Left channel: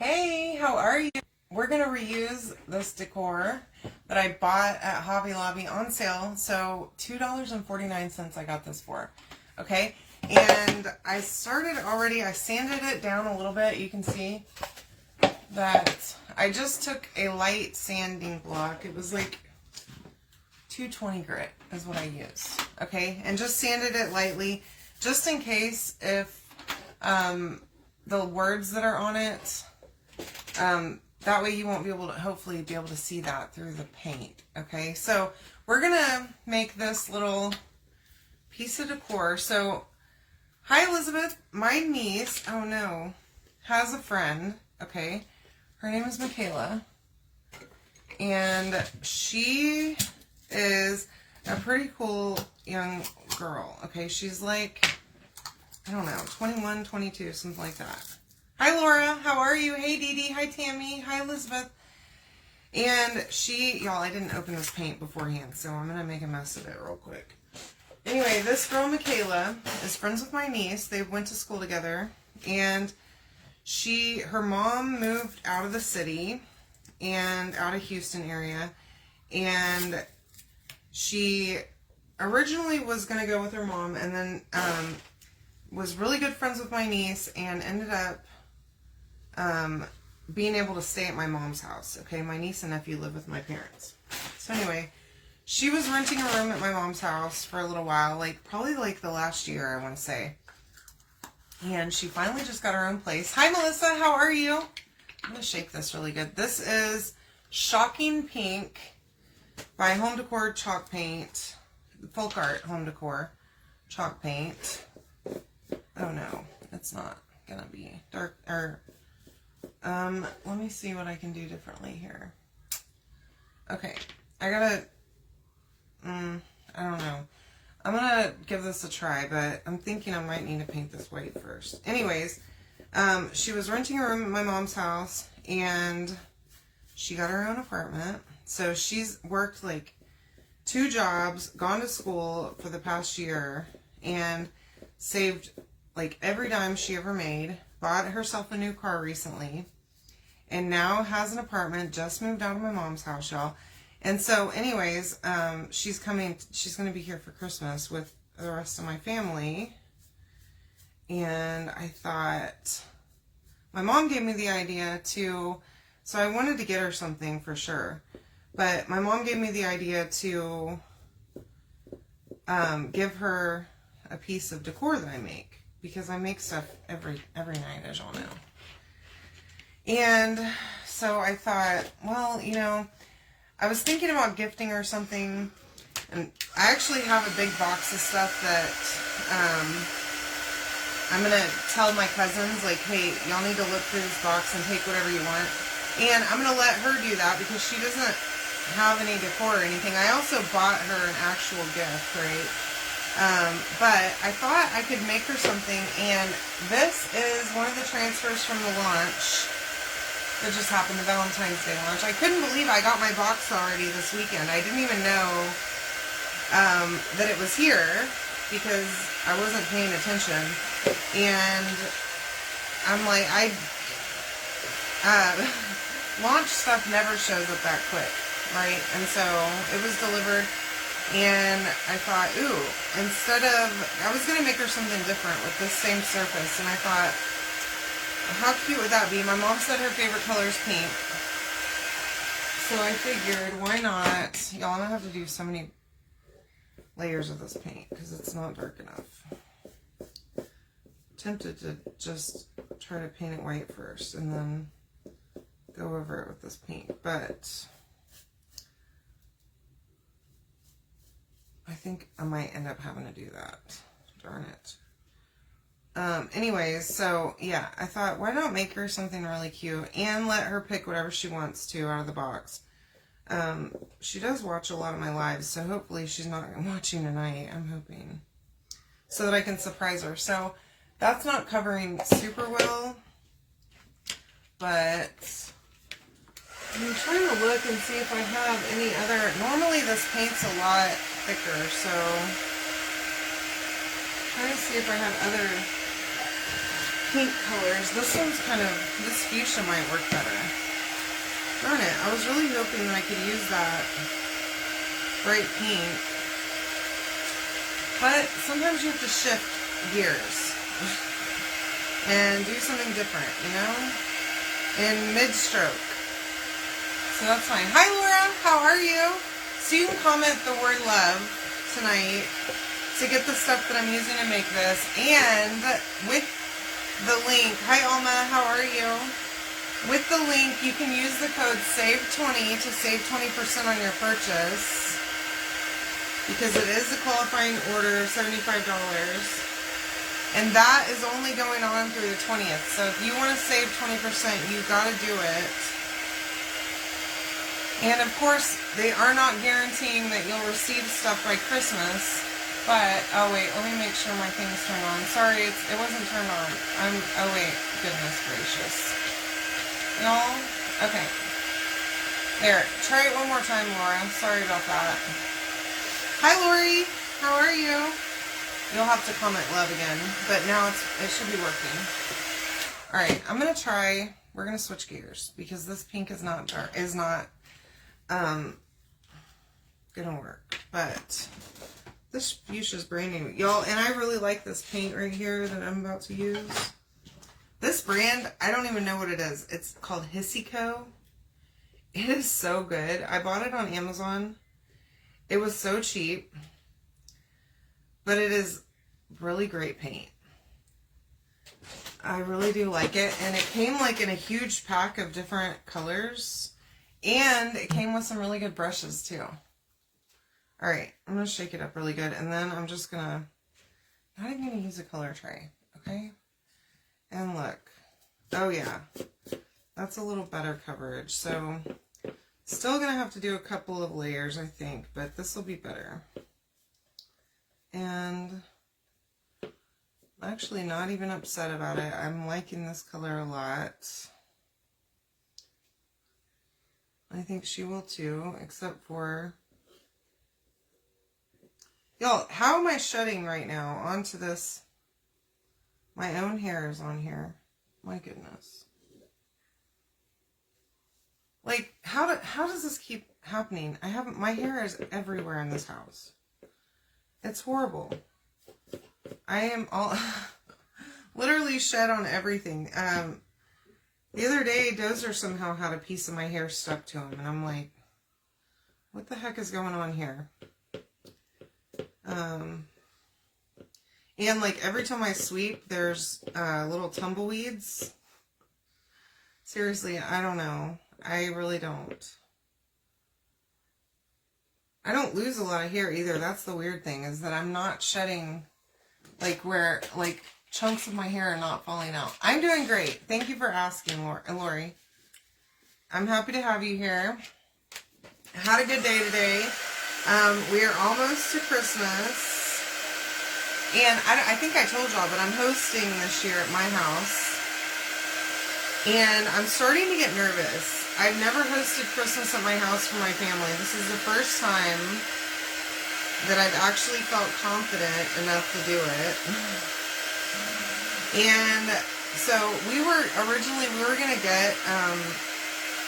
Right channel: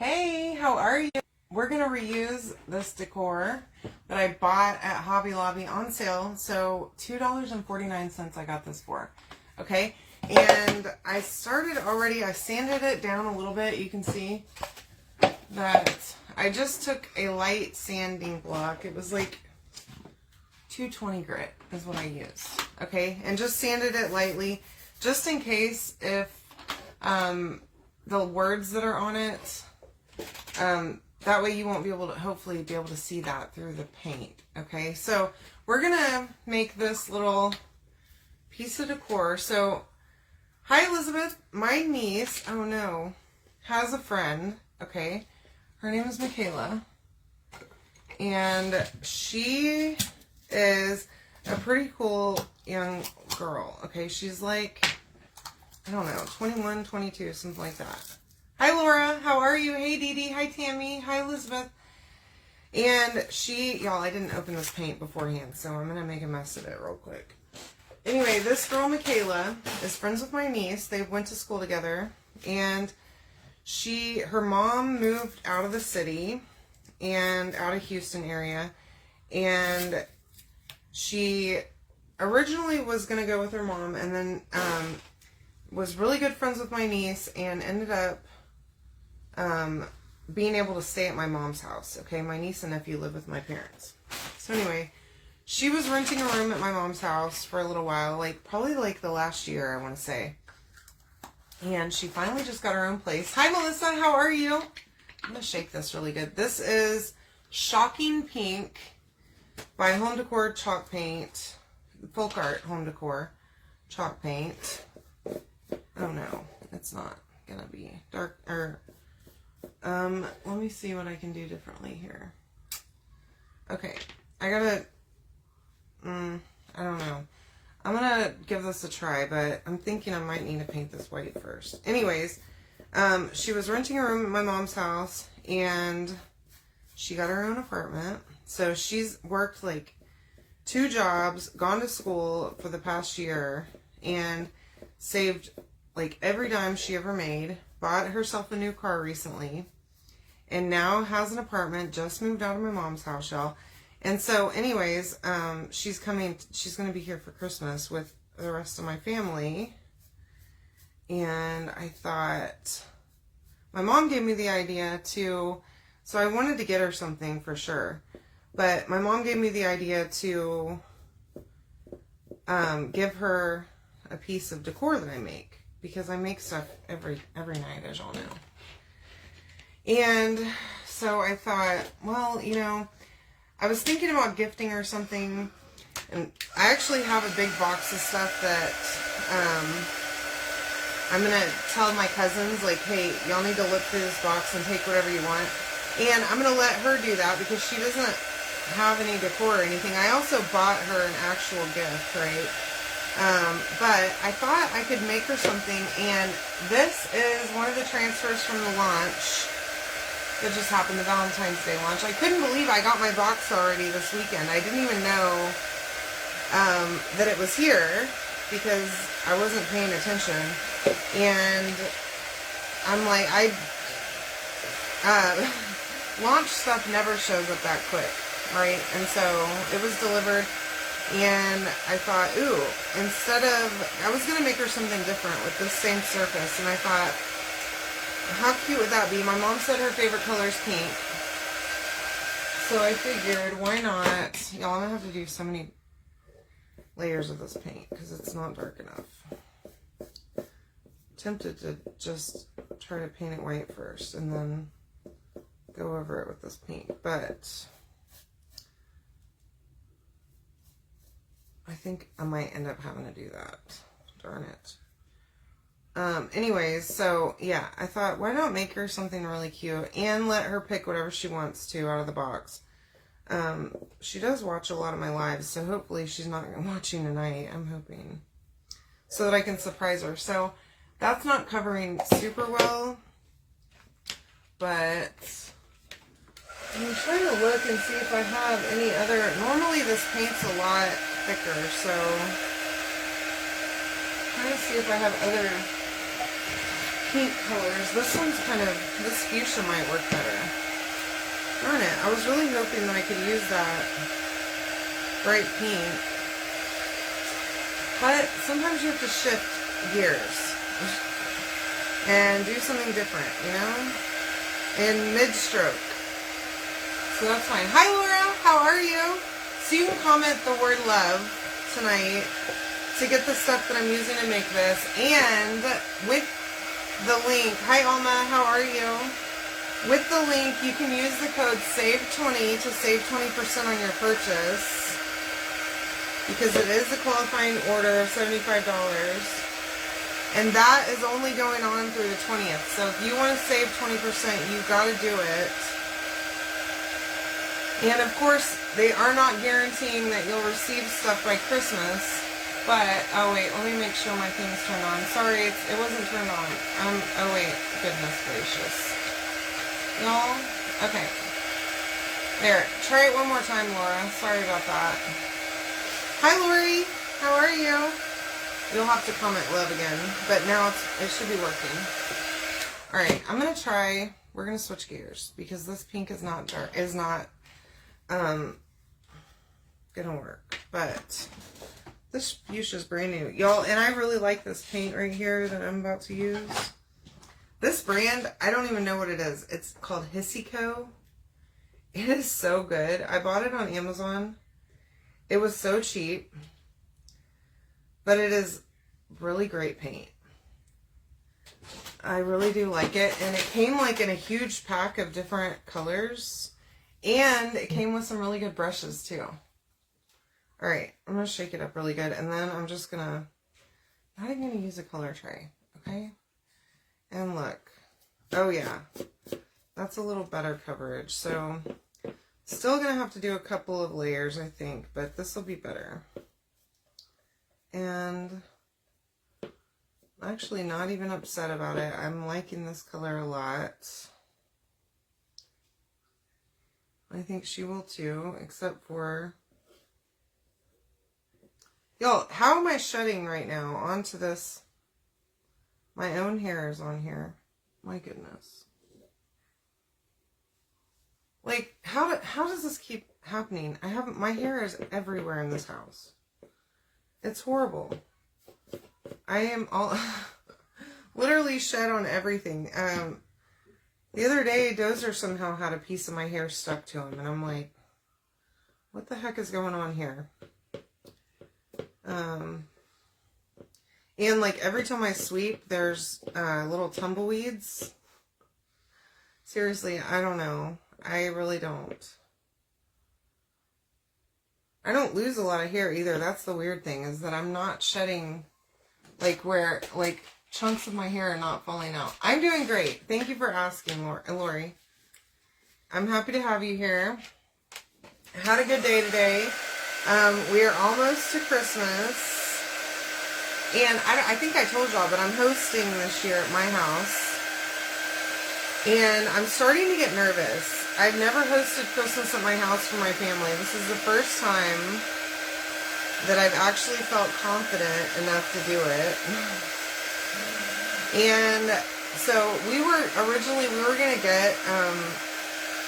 Hey, how are you? We're going to reuse this decor that I bought at Hobby Lobby on sale. So $2.49 I got this for. Okay. And I started already. I sanded it down a little bit. You can see that I just took a light sanding block. It was like 220 grit is what I used. Okay. And just sanded it lightly just in case if the words that are on it, that way you won't be able to, hopefully be able to see that through the paint. Okay, so we're gonna make this little piece of decor. So, hi Elizabeth, my niece, oh no, has a friend, okay? Her name is Michaela. And she is a pretty cool young girl, okay? She's like, I don't know, 21, 22, something like that. Hi, Laura. How are you? Hey, Dee Dee. Hi, Tammy. Hi, Elizabeth. And y'all, I didn't open this paint beforehand, so I'm going to make a mess of it real quick. Anyway, this girl, Michaela, is friends with my niece. They went to school together, and her mom moved out of the city and out of Houston area, and she originally was going to go with her mom, and then was really good friends with my niece, and ended up being able to stay at my mom's house. Okay, my niece and nephew live with my parents. So anyway, she was renting a room at my mom's house for a little while, probably the last year, I want to say. And she finally just got her own place. Hi Melissa, how are you? I'm going to shake this really good. This is Shocking Pink by Home Decor Chalk Paint. Folk Art Home Decor Chalk Paint. Oh no, it's not going to be dark, let me see what I can do differently here. Okay, I gotta, I don't know. I'm gonna give this a try, but I'm thinking I might need to paint this white first. Anyways, she was renting a room at my mom's house, and she got her own apartment. So she's worked 2 jobs, gone to school for the past year, and saved every dime she ever made, bought herself a new car recently, and now has an apartment, just moved out of my mom's house, y'all. And so anyways, she's going to be here for Christmas with the rest of my family. And I thought, my mom gave me the idea so I wanted to get her something for sure. But my mom gave me the idea to give her a piece of decor that I make, because I make stuff every night, as y'all know. And so I thought, well, I was thinking about gifting her something, and I actually have a big box of stuff that I'm going to tell my cousins, hey, y'all need to look through this box and take whatever you want. And I'm going to let her do that because she doesn't have any decor or anything. I also bought her an actual gift, right? But I thought I could make her something, and this is one of the transfers from the launch that just happened, the Valentine's Day launch. I couldn't believe I got my box already this weekend. I didn't even know that it was here because I wasn't paying attention. And I'm like, launch stuff never shows up that quick, right? And so it was delivered. And I thought, ooh, I was going to make her something different with this same surface. And I thought, how cute would that be? My mom said her favorite color is pink. So I figured, why not? Y'all, I'm going to have to do so many layers of this paint because it's not dark enough. Tempted to just try to paint it white first and then go over it with this paint. But I think I might end up having to do that. Darn it. Anyways, so yeah, I thought, why not make her something really cute and let her pick whatever she wants to out of the box. She does watch a lot of my lives, so hopefully she's not watching tonight, I'm hoping, so that I can surprise her. So that's not covering super well, but I'm trying to look and see if I have any other. Normally this paint's a lot thicker, so trying to see if I have other pink colors. This one's kind of, this fuchsia might work better. Darn it, I was really hoping that I could use that bright pink. But sometimes you have to shift gears and do something different, you know? In mid-stroke. So that's fine. Hi Laura, how are you? So you can comment the word love tonight to get the stuff that I'm using to make this. And with the link, hi Alma, how are you? With the link, you can use the code SAVE20 to save 20% on your purchase. Because it is a qualifying order of $75. And that is only going on through the 20th. So if you want to save 20%, you got to do it. And of course, they are not guaranteeing that you'll receive stuff by Christmas. But, oh wait, let me make sure my thing is turned on. Sorry, it wasn't turned on. Oh wait, goodness gracious. Y'all, okay. There, try it one more time, Laura. Sorry about that. Hi, Lori. How are you? You'll have to comment love again, but now it should be working. All right, I'm gonna try. We're gonna switch gears because this pink is not dark. Gonna work, but this fuchsia is brand new, y'all, and I really like this paint right here that I'm about to use. This brand, I don't even know what it is. It's called Hissico. It is so good. I bought it on Amazon. It was so cheap, but it is really great paint. I really do like it, and it came like in a huge pack of different colors. And it came with some really good brushes too. All right, I'm going to shake it up really good. And then I'm just going to, not even going to use a color tray. Okay. And look. Oh yeah. That's a little better coverage. So still going to have to do a couple of layers, I think. But this will be better. And I'm actually not even upset about it. I'm liking this color a lot. I think she will too, except for... Y'all, how am I shedding right now onto this? My own hair is on here. My goodness. Like, how does this keep happening? My hair is everywhere in this house. It's horrible. I am all... literally shed on everything. The other day, Dozer somehow had a piece of my hair stuck to him, and I'm like, what the heck is going on here? And like every time I sweep, there's little tumbleweeds. Seriously, I don't know. I really don't. I don't lose a lot of hair either. That's the weird thing, is that I'm not shedding like where, like, chunks of my hair are not falling out. I'm doing great. Thank you for asking, Lori. I'm happy to have you here. I had a good day today. We are almost to Christmas. And I think I told y'all, but I'm hosting this year at my house. And I'm starting to get nervous. I've never hosted Christmas at my house for my family. This is the first time that I've actually felt confident enough to do it. And so we were going to get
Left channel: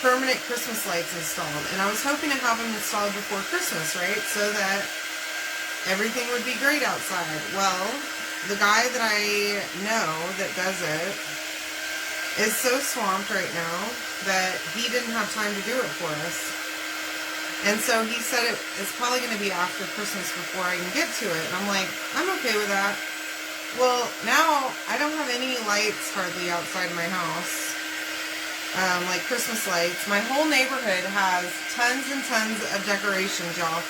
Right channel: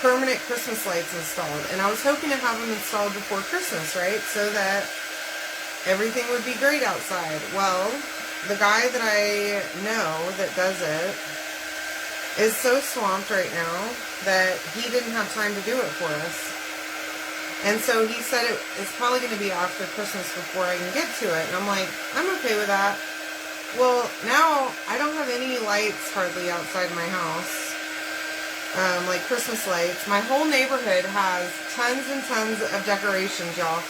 permanent Christmas lights installed. And I was hoping to have them installed before Christmas, right? So that everything would be great outside. Well, the guy that I know that does it is so swamped right now that he didn't have time to do it for us. And so he said it's probably going to be after Christmas before I can get to it. And I'm like, I'm okay with that. Well, now I don't have any lights hardly outside my house, like Christmas lights. My whole neighborhood has tons and tons of decorations, y'all.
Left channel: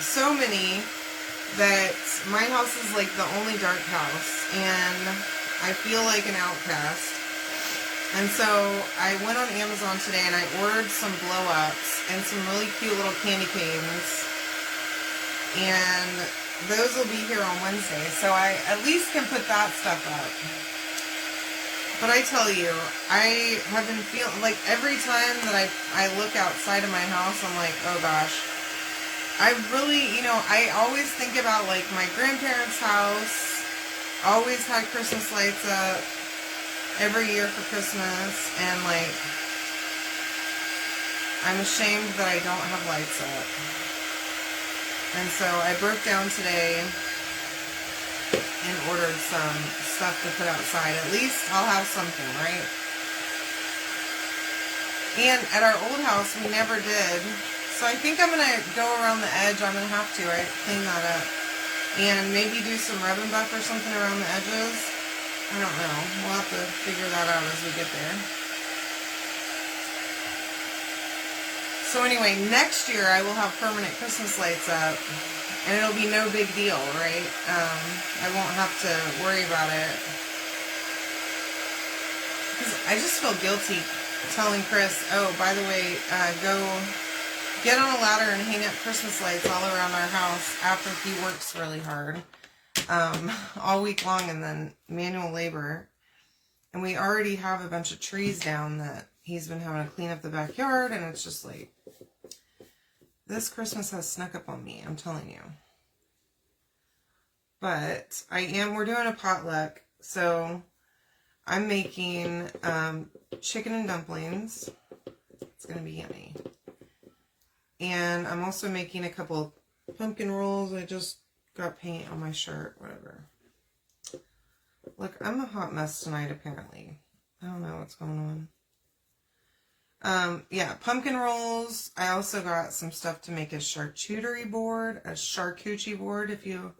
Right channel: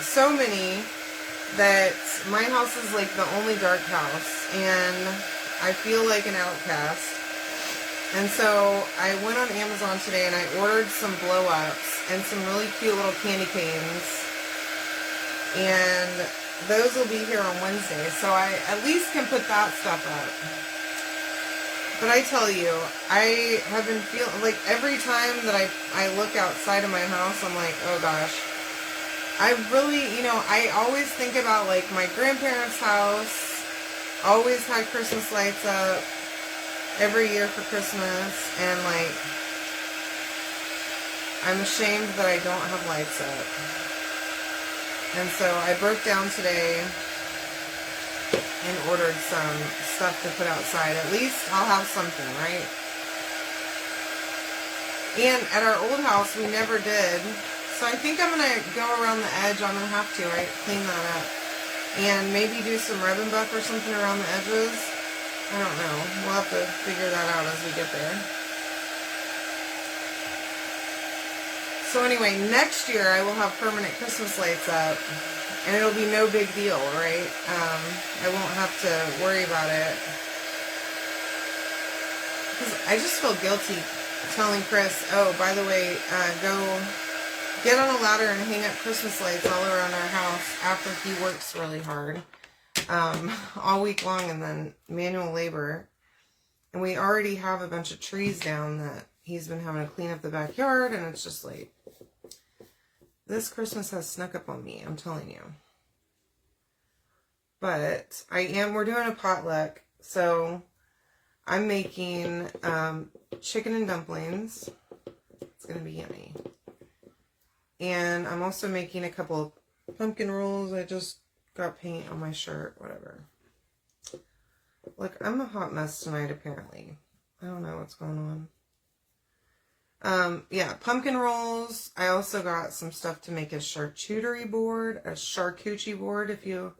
So many that my house is like the only dark house, and I feel like an outcast. And so I went on Amazon today and I ordered some blow-ups and some really cute little candy canes. And those will be here on Wednesday. So I at least can put that stuff up. But I tell you, I have been feeling like every time that I look outside of my house, I'm like, oh gosh. I really, I always think about like my grandparents' house. Always had Christmas lights up. every year for Christmas, and like, I'm ashamed that I don't have lights up. And so I broke down today and ordered some stuff to put outside. At least I'll have something, right? And at our old house, we never did. So I think I'm going to go around the edge. I'm going to have to, right? Clean that up. And maybe do some rub and buff or something around the edges. I don't know. We'll have to figure that out as we get there. So anyway, next year I will have permanent Christmas lights up. And it'll be no big deal, right? I won't have to worry about it. Because I just feel guilty telling Chris, oh, by the way, go get on a ladder and hang up Christmas lights all around our house after he works really hard all week long, and then manual labor. And we already have a bunch of trees down that he's been having to clean up the backyard, and it's just like, this Christmas has snuck up on me, I'm telling you. But we're doing a potluck, so I'm making chicken and dumplings. It's going to be yummy. And I'm also making a couple pumpkin rolls. I just got paint on my shirt, whatever. Look, I'm a hot mess tonight, apparently. I don't know what's going on. Yeah, pumpkin rolls. I also got some stuff to make a charcuterie board, if you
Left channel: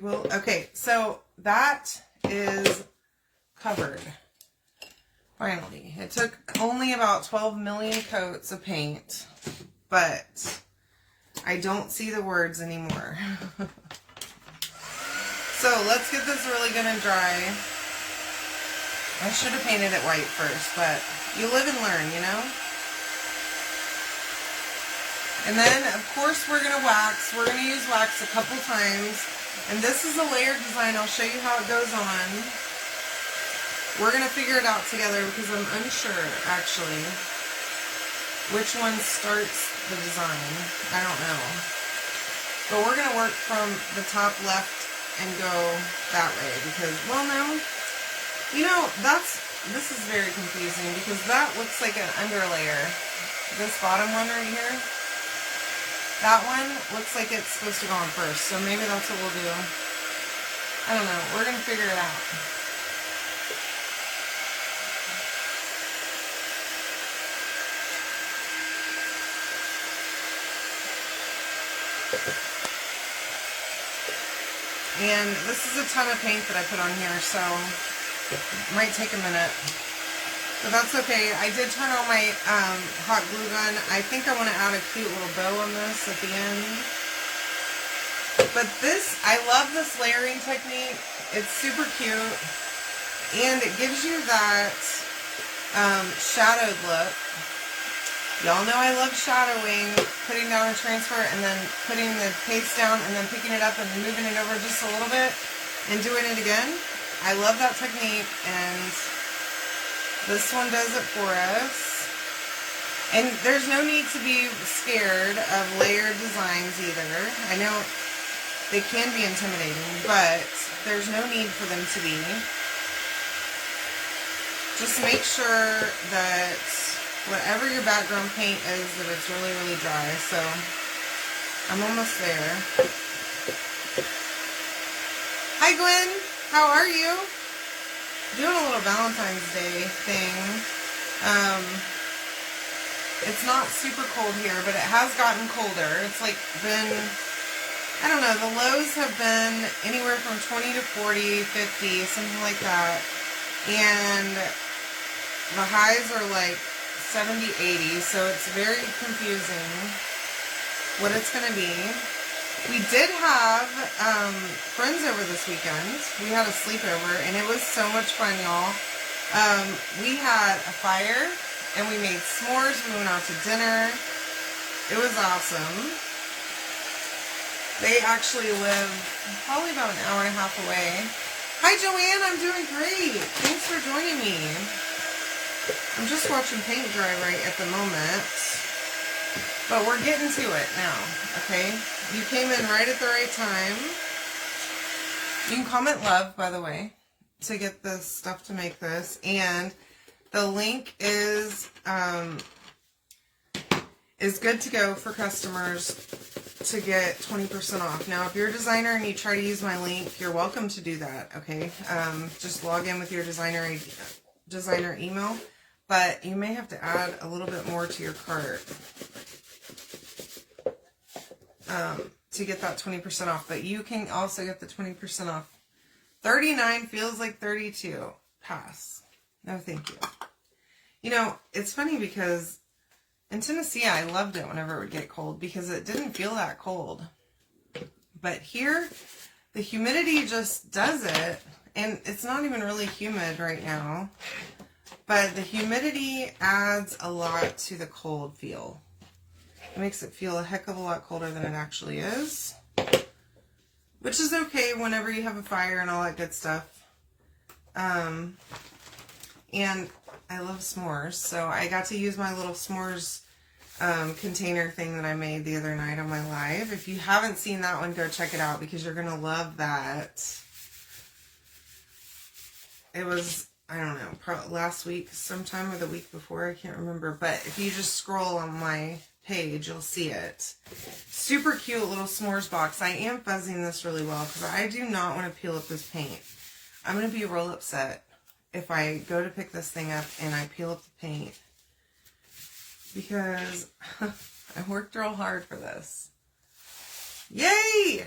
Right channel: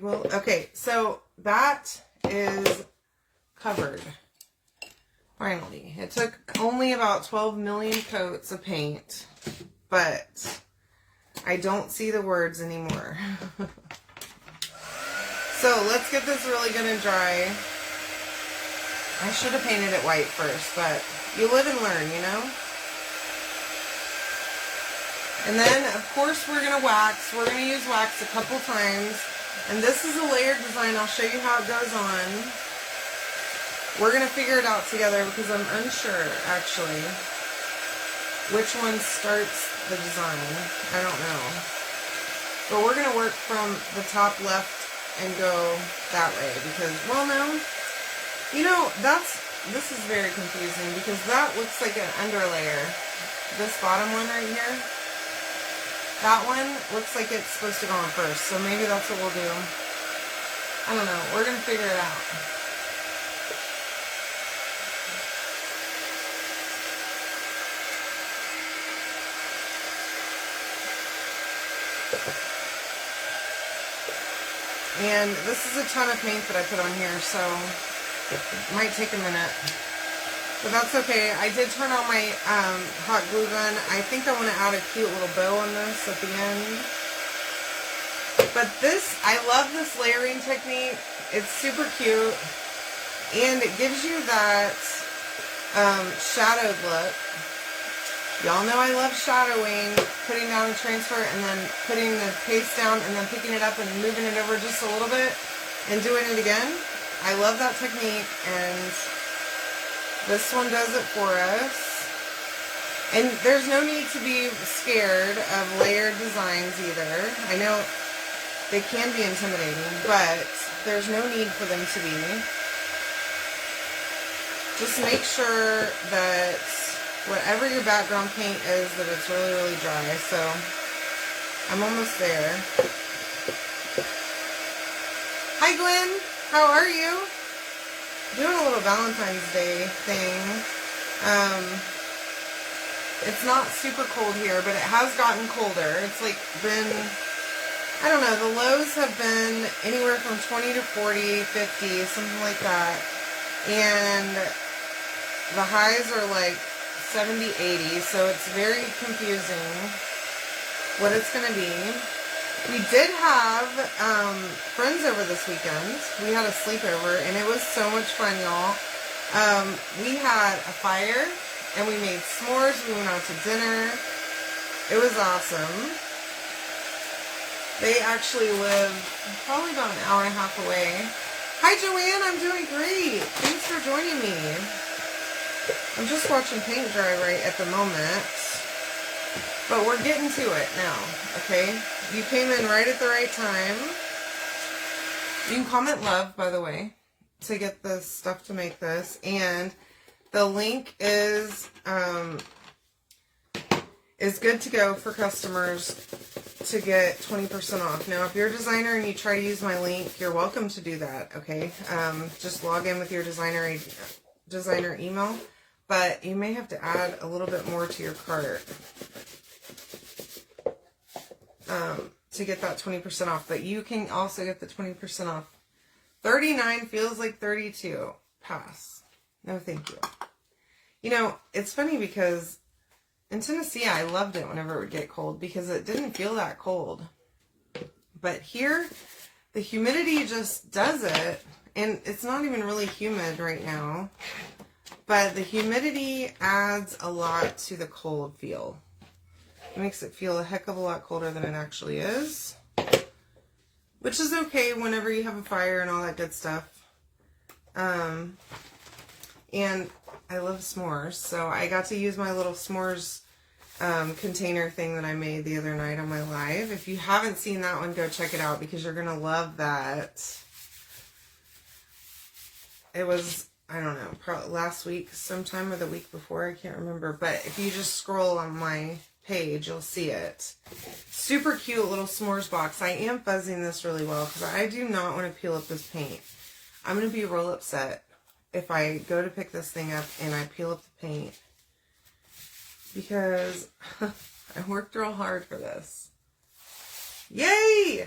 will. Okay, so that is covered. Finally. It took only about 12 million coats of paint, but I don't see the words anymore. So let's get this really good and dry. I should have painted it white first, but you live and learn, you know? And then, of course, we're going to wax. We're going to use wax a couple times. And this is a layered design. I'll show you how it goes on. We're going to figure it out together because I'm unsure, actually, which one starts the design. I don't know. But we're going to work from the top left and go that way because, well, no. You know, this is very confusing because that looks like an underlayer. This bottom one right here, that one looks like it's supposed to go on first. So maybe that's what we'll do. I don't know. We're going to figure it out. And this is a ton of paint that I put on here, so it might take a minute. But that's okay. I did turn on my hot glue gun. I think I want to add a cute little bow on this at the end. But this, I love this layering technique. It's super cute. And it gives you that shadowed look. Y'all know I love shadowing, putting down a transfer and then putting the paste down and then picking it up and moving it over just a little bit and doing it again. I love that technique, and this one does it for us. And there's no need to be scared of layered designs either. I know they can be intimidating, but there's no need for them to be. Just make sure that whatever your background paint is, that it's really, really dry. So I'm almost there. Hi, Gwen. How are you? Doing a little Valentine's Day thing. It's not super cold here, but it has gotten colder. It's like been, I don't know, the lows have been anywhere from 20 to 40, 50, something like that. And the highs are like 70, 80, so it's very confusing what it's going to be. We did have friends over this weekend. We had a sleepover, and it was so much fun, y'all. We had a fire, and we made s'mores. We went out to dinner. It was awesome. They actually live probably about an hour and a half away. Hi, Joanne. I'm doing great. Thanks for joining me. I'm just watching paint dry right at the moment, but we're getting to it now, okay? You came in right at the right time. You can comment love, by the way. to get the stuff to make this, and the link is good to go for customers to get 20% off. Now, if you're a designer and you try to use my link, you're welcome to do that, okay? Just log in with your designer email, but you may have to add a little bit more to your cart to get that 20% off, but you can also get the 20% off. 39 feels like 32. Pass. No, thank you. You know, it's funny because in Tennessee, I loved it whenever it would get cold because it didn't feel that cold. But here, the humidity just does it. And it's not even really humid right now. But the humidity adds a lot to the cold feel. It makes it feel a heck of a lot colder than it actually is. Which is okay whenever you have a fire and all that good stuff. And I love s'mores. So I got to use my little s'mores container thing that I made the other night on my live. If you haven't seen that one, go check it out because you're going to love that. It was, I don't know, probably last week sometime or the week before. I can't remember. But if you just scroll on my page, you'll see it. Super cute little s'mores box. I am fuzzing this really well because I do not want to peel up this paint. I'm going to be real upset if I go to pick this thing up and I peel up the paint because I worked real hard for this. Yay!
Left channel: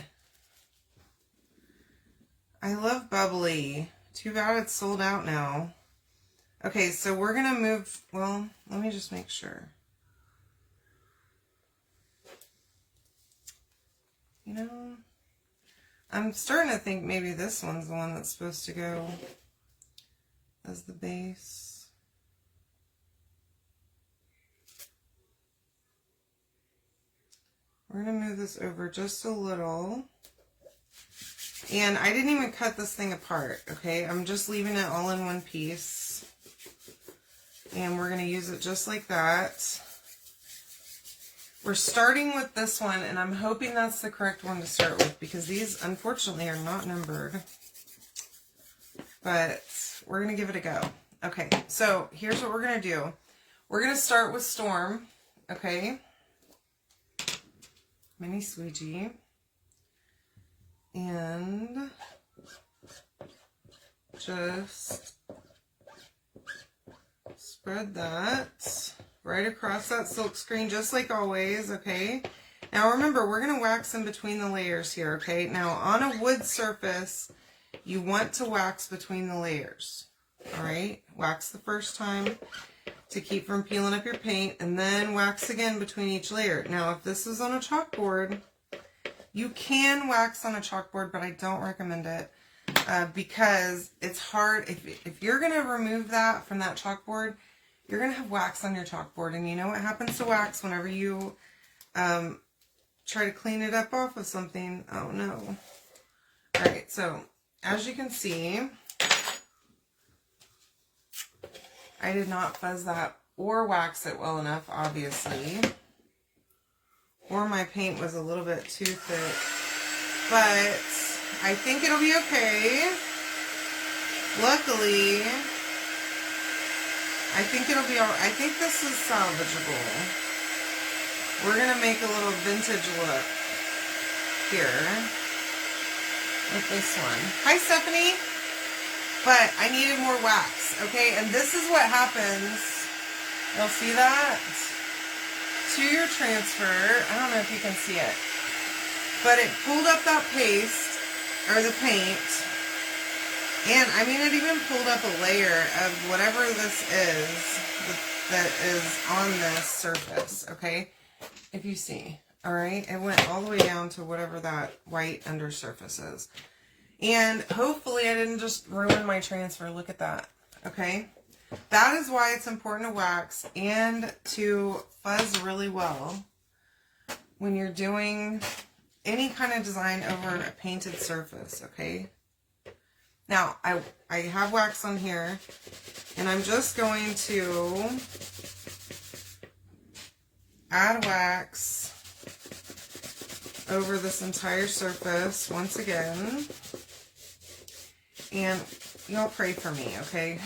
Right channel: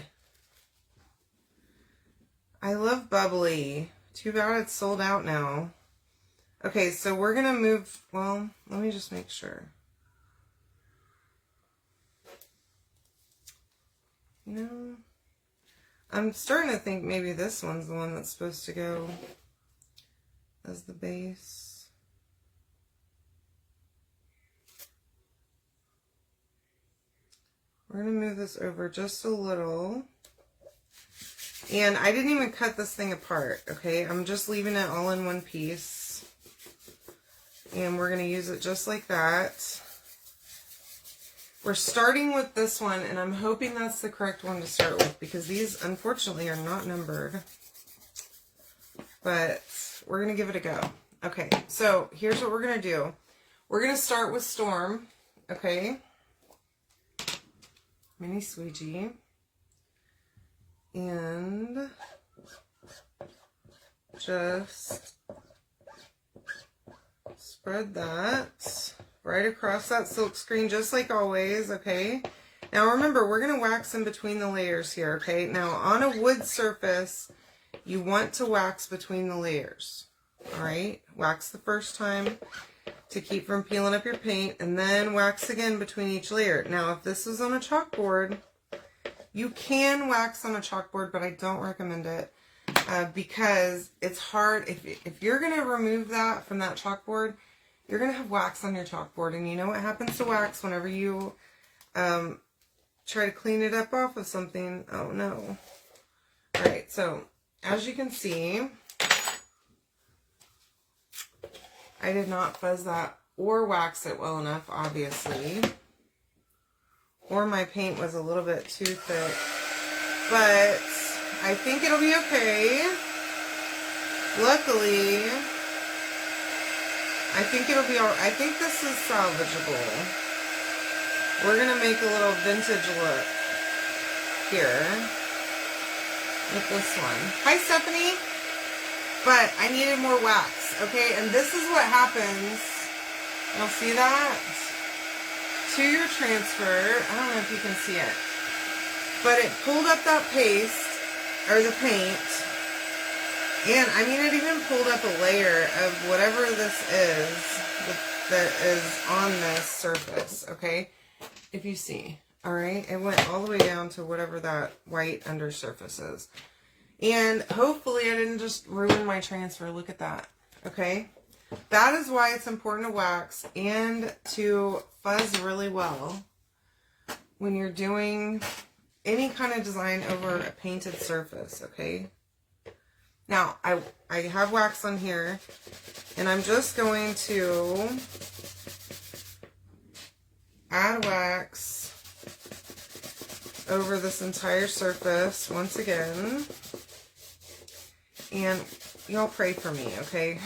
I love bubbly. Too bad it's sold out now. Okay, so we're going to move, well, let me just make sure. You know, I'm starting to think maybe this one's the one that's supposed to go as the base. We're going to move this over just a little. And I didn't even cut this thing apart, okay? I'm just leaving it all in one piece. And we're going to use it just like that. We're starting with this one, and I'm hoping that's the correct one to start with because these, unfortunately, are not numbered. But we're going to give it a go. Okay, so here's what we're going to do. We're going to start with Storm, okay? Mini squeegee. And just spread that right across that silk screen, just like always, okay? Now remember, we're going to wax in between the layers here, okay? Now on a wood surface, you want to wax between the layers, all right? Wax the first time to keep from peeling up your paint, and then wax again between each layer. Now, if this is on a chalkboard, you can wax on a chalkboard, but I don't recommend it because it's hard. If you're going to remove that from that chalkboard, you're going to have wax on your chalkboard. And you know what happens to wax whenever you try to clean it up off of something? Oh, no. All right, so as you can see, I did not fuzz that or wax it well enough, obviously. Or my paint was a little bit too thick. But I think it'll be okay. Luckily, I think it'll be all right. I think this is salvageable. We're going to make a little vintage look here with this one. Hi, Stephanie. But I needed more wax, okay? And this is what happens. You'll see that? To your transfer. I don't know if you can see it. But it pulled up that paste, or the paint. And, I mean, it even pulled up a layer of whatever this is that is on this surface, okay? If you see, all right? It went all the way down to whatever that white undersurface is. And hopefully I didn't just ruin my transfer. Look at that, okay? That is why it's important to wax and to fuzz really well when you're doing any kind of design over a painted surface, okay? Now, I have wax on here, and I'm just going to add wax over this entire surface once again. And y'all pray for me, okay?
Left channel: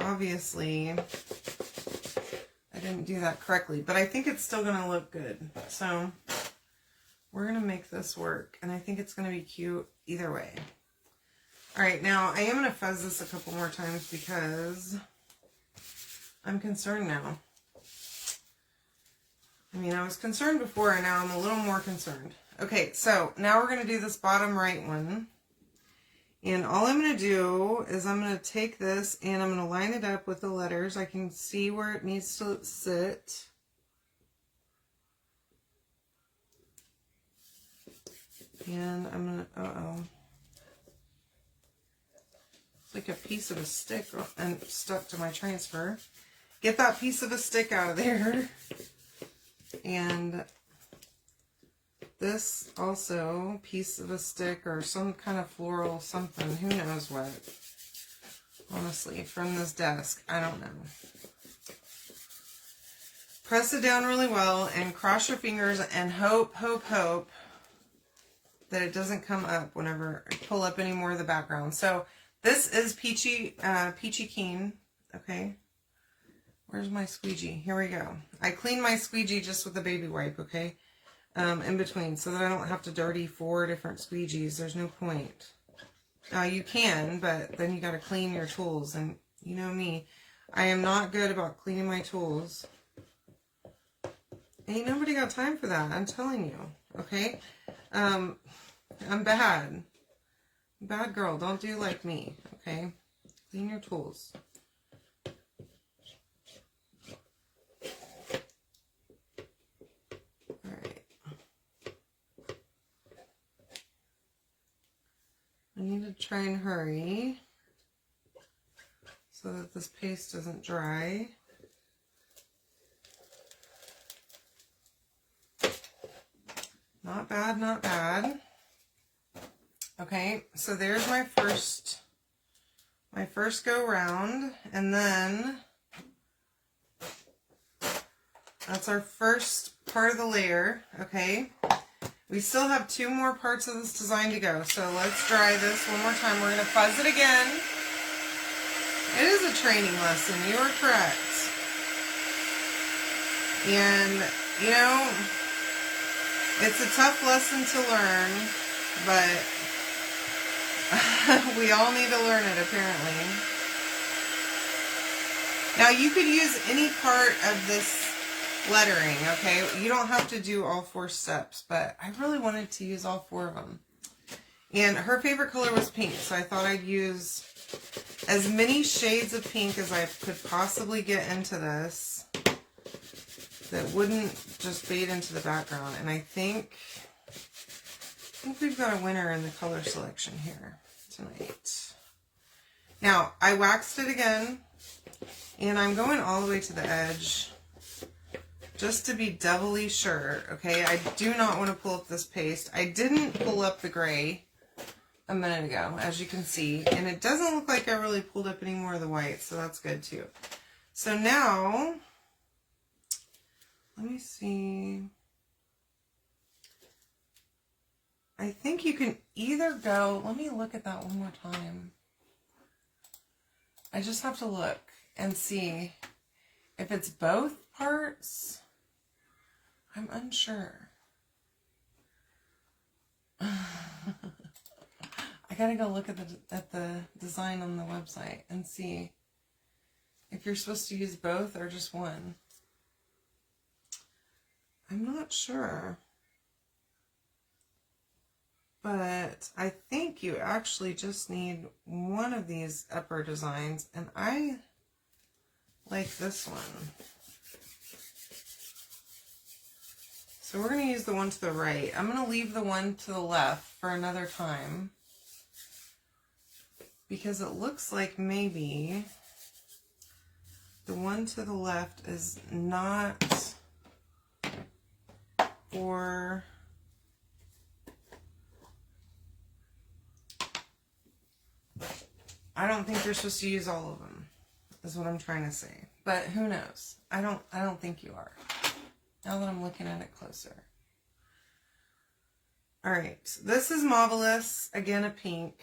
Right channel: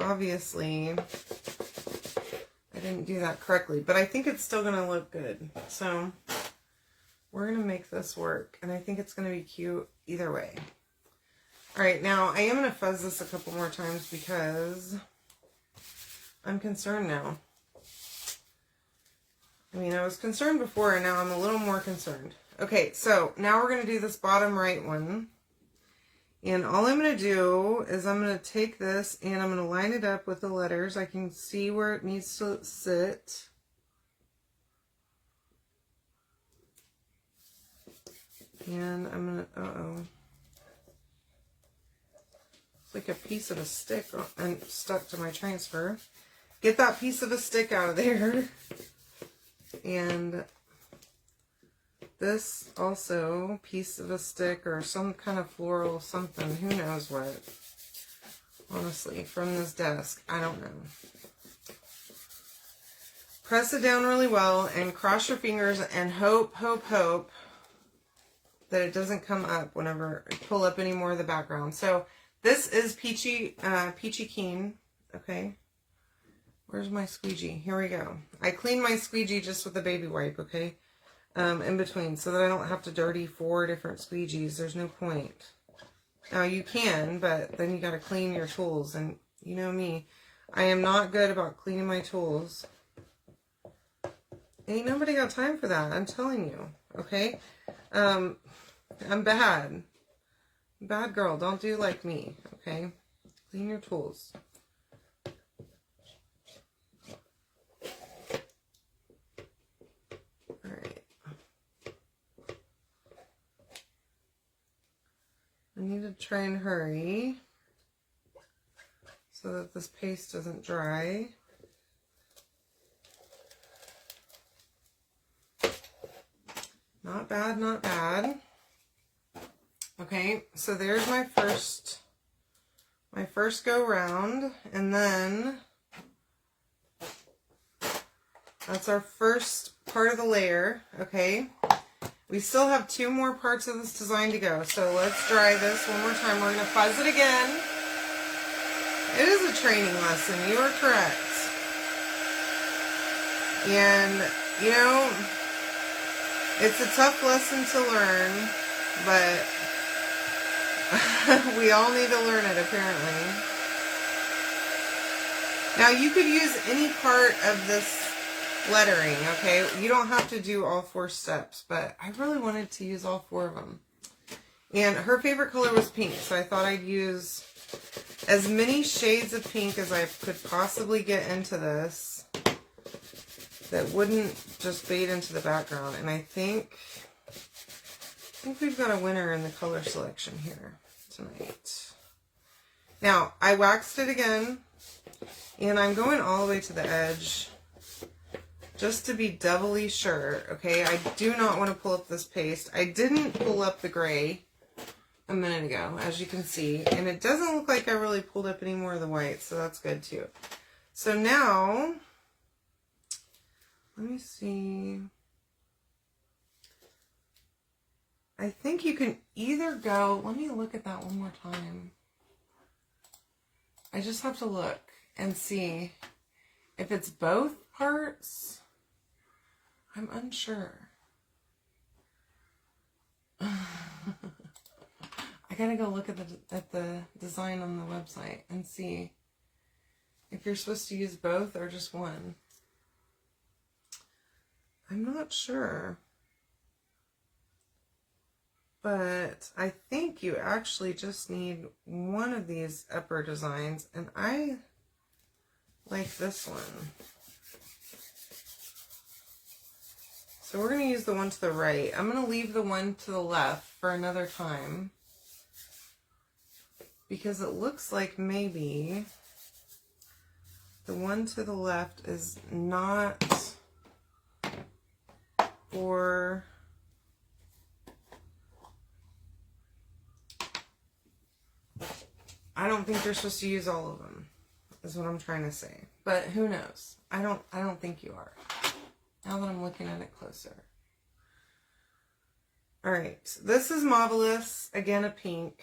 Obviously, I didn't do that correctly, but I think it's still going to look good. So we're going to make this work, and I think it's going to be cute either way. All right, now I am going to fuzz this a couple more times because I'm concerned now. I mean, I was concerned before, and now I'm a little more concerned. Okay, so now we're going to do this bottom right one. And all I'm going to do is I'm going to take this and I'm going to line it up with the letters. I can see where it needs to sit. And I'm going to, it's like a piece of a stick and stuck to my transfer. Get that piece of a stick out of there. And this also, piece of a stick or some kind of floral something, who knows what. Honestly, from this desk, I don't know. Press it down really well and cross your fingers and hope that it doesn't come up whenever I pull up any more of the background. So this is Peachy Keen, okay? Where's my squeegee? Here we go. I clean my squeegee just with a baby wipe, okay? In between, so that I don't have to dirty 4 different squeegees. There's no point. You can, but then you got to clean your tools, and you know me. I am not good about cleaning my tools. Ain't nobody got time for that, I'm telling you, okay? I'm bad. Bad girl, don't do like me, okay? Clean your tools. I need to try and hurry so that this paste doesn't dry. Not bad, not bad. Okay, so there's my first go round, and then that's our first part of the layer, okay? We still have 2 more parts of this design to go, so let's dry this one more time. We're going to fuzz it again. It is a training lesson, you are correct. And, you know, it's a tough lesson to learn, but we all need to learn it, apparently. Now, you could use any part of this lettering, okay? You don't have to do all 4 steps, but I really wanted to use all 4 of them. And her favorite color was pink, so I thought I'd use as many shades of pink as I could possibly get into this that wouldn't just fade into the background. And I think we've got a winner in the color selection here tonight. Now, I waxed it again, and I'm going all the way to the edge just to be doubly sure, okay? I do not want to pull up this paste. I didn't pull up the gray a minute ago, as you can see, and it doesn't look like I really pulled up any more of the white, so that's good too. So now, let me see. I think you can either go, let me look at that one more time. I just have to look and see if it's both parts. I'm unsure. I gotta go look at the design on the website and see if you're supposed to use both or just one. I'm not sure. But I think you actually just need one of these upper designs, and I like this one. So we're going to use the one to the right. I'm going to leave the one to the left for another time, because it looks like maybe the one to the left is not for... I don't think you're supposed to use all of them, is what I'm trying to say. But who knows? I don't think you are, now that I'm looking at it closer. All right, this is Marvelous, again a pink.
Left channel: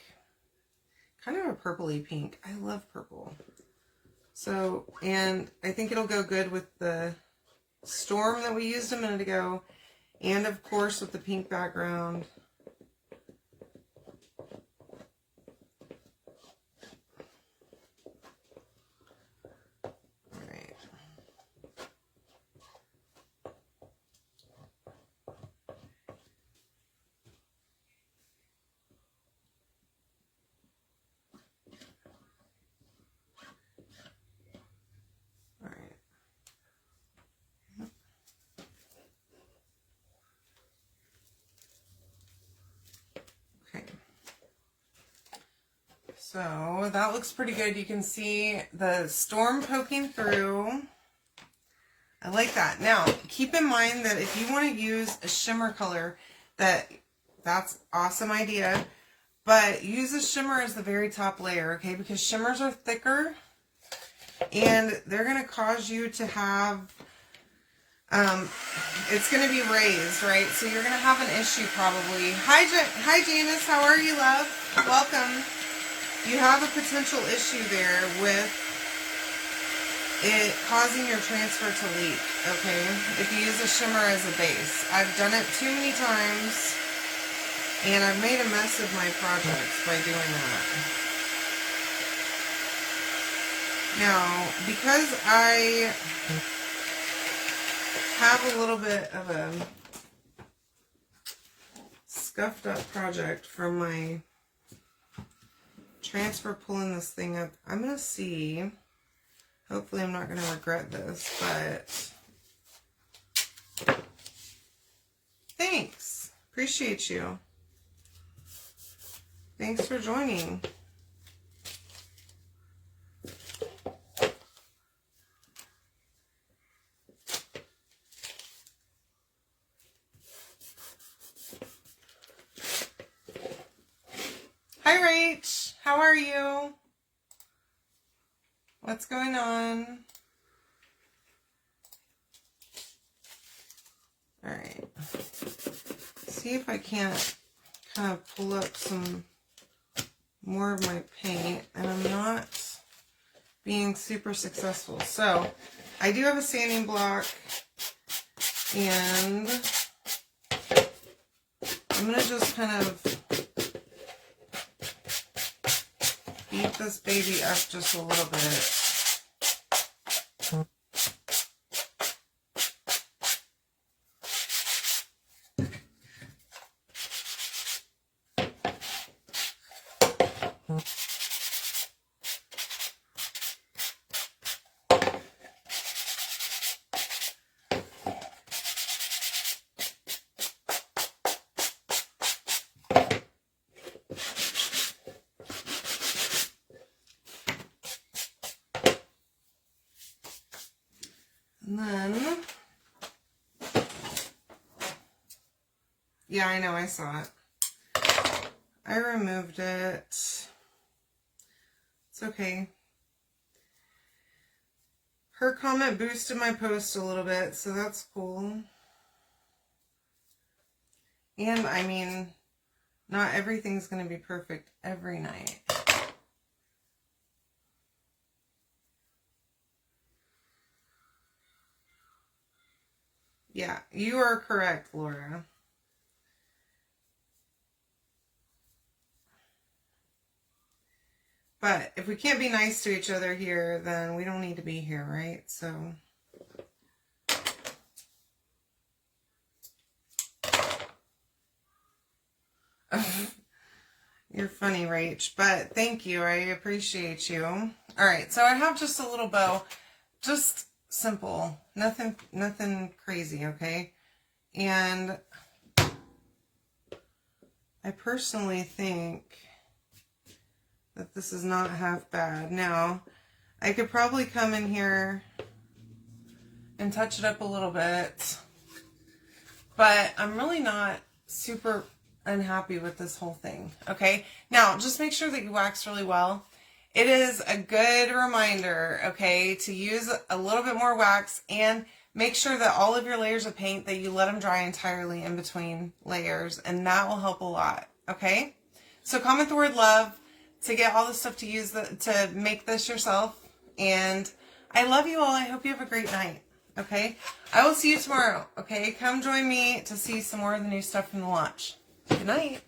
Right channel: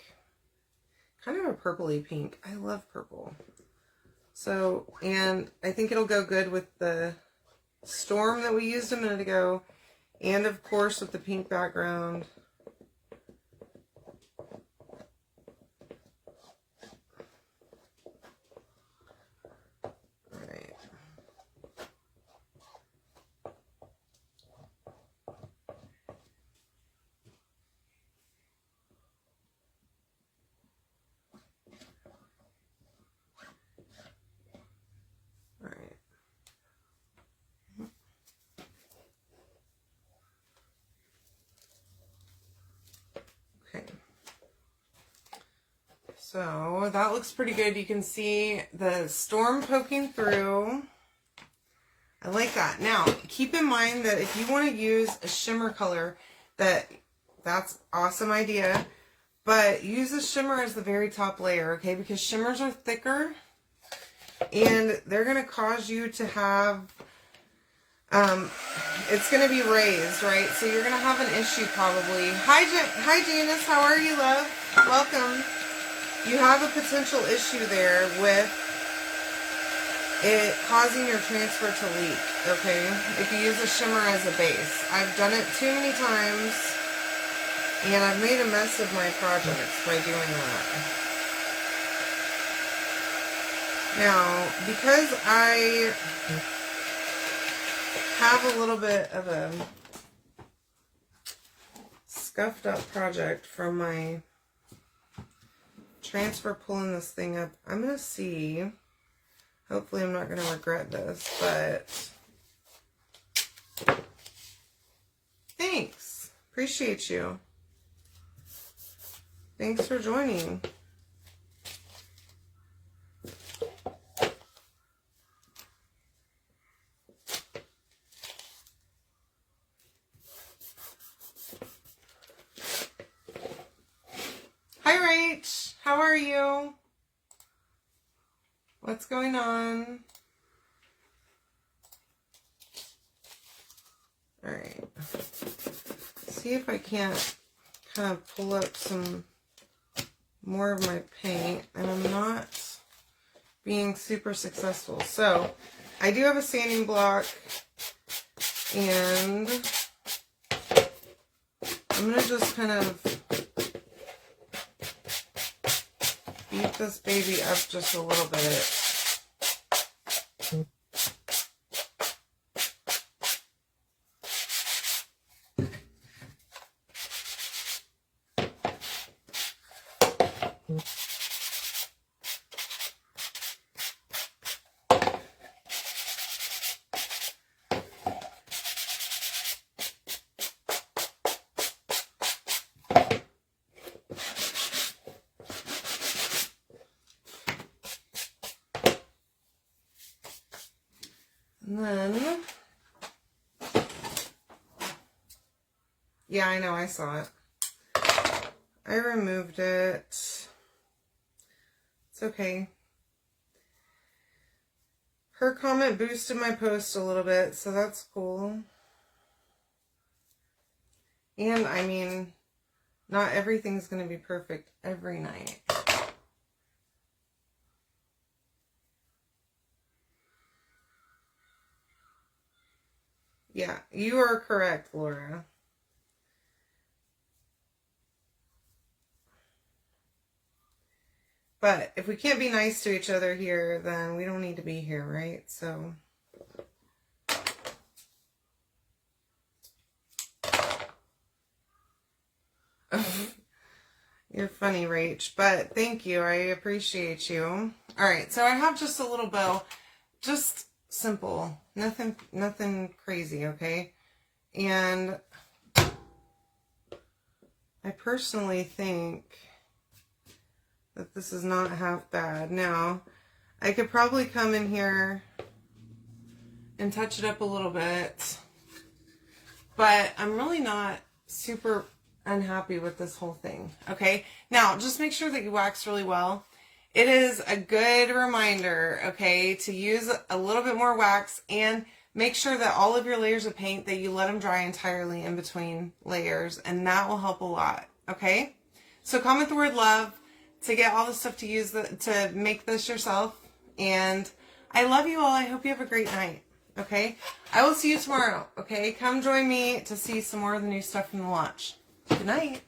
kind of a purpley pink. I love purple. So, and I think it'll go good with the storm that we used a minute ago, and of course with the pink background. All right. All right. Okay. So that looks pretty good. You can see the storm poking through. I like that. Now, keep in mind that if you want to use a shimmer color, that's awesome idea. But use a shimmer as the very top layer, okay? Because shimmers are thicker and they're going to cause you to have, it's going to be raised, right? So you're going to have an issue probably. Hi, Janice. How are you, love? Welcome. You have a potential issue there with it causing your transfer to leak, okay? If you use a shimmer as a base. I've done it too many times, and I've made a mess of my projects by doing that. Now, because I have a little bit of a scuffed up project from my transfer pulling this thing up, I'm going to see, hopefully I'm not going to regret this, but thanks. Appreciate you. Thanks for joining. Hi, Rach. How are you? What's going on? All right. See if I can't kind of pull up some more of my paint, and I'm not being super successful. So I do have a sanding block, and I'm going to just kind of beat this baby up just a little bit. And then, yeah, I know, I saw it. I removed it. It's okay. Her comment boosted my post a little bit, so that's cool. And, I mean, not everything's going to be perfect every night. Yeah, you are correct, Laura. But if we can't be nice to each other here, then we don't need to be here, right? So you're funny, Rach, but thank you. I appreciate you. All right, so I have just a little bow, just simple, nothing crazy, okay? And I personally think that this is not half bad. Now, I could probably come in here and touch it up a little bit, but I'm really not super unhappy with this whole thing, okay? Now, just make sure that you wax really well. It is a good reminder, okay, to use a little bit more wax, and make sure that all of your layers of paint, that you let them dry entirely in between layers, and that will help a lot, okay? So comment the word love. to get all the stuff to use to make this yourself. And I love you all. I hope you have a great night. Okay? I will see you tomorrow. Okay? Come join me to see some more of the new stuff from the launch. Good night.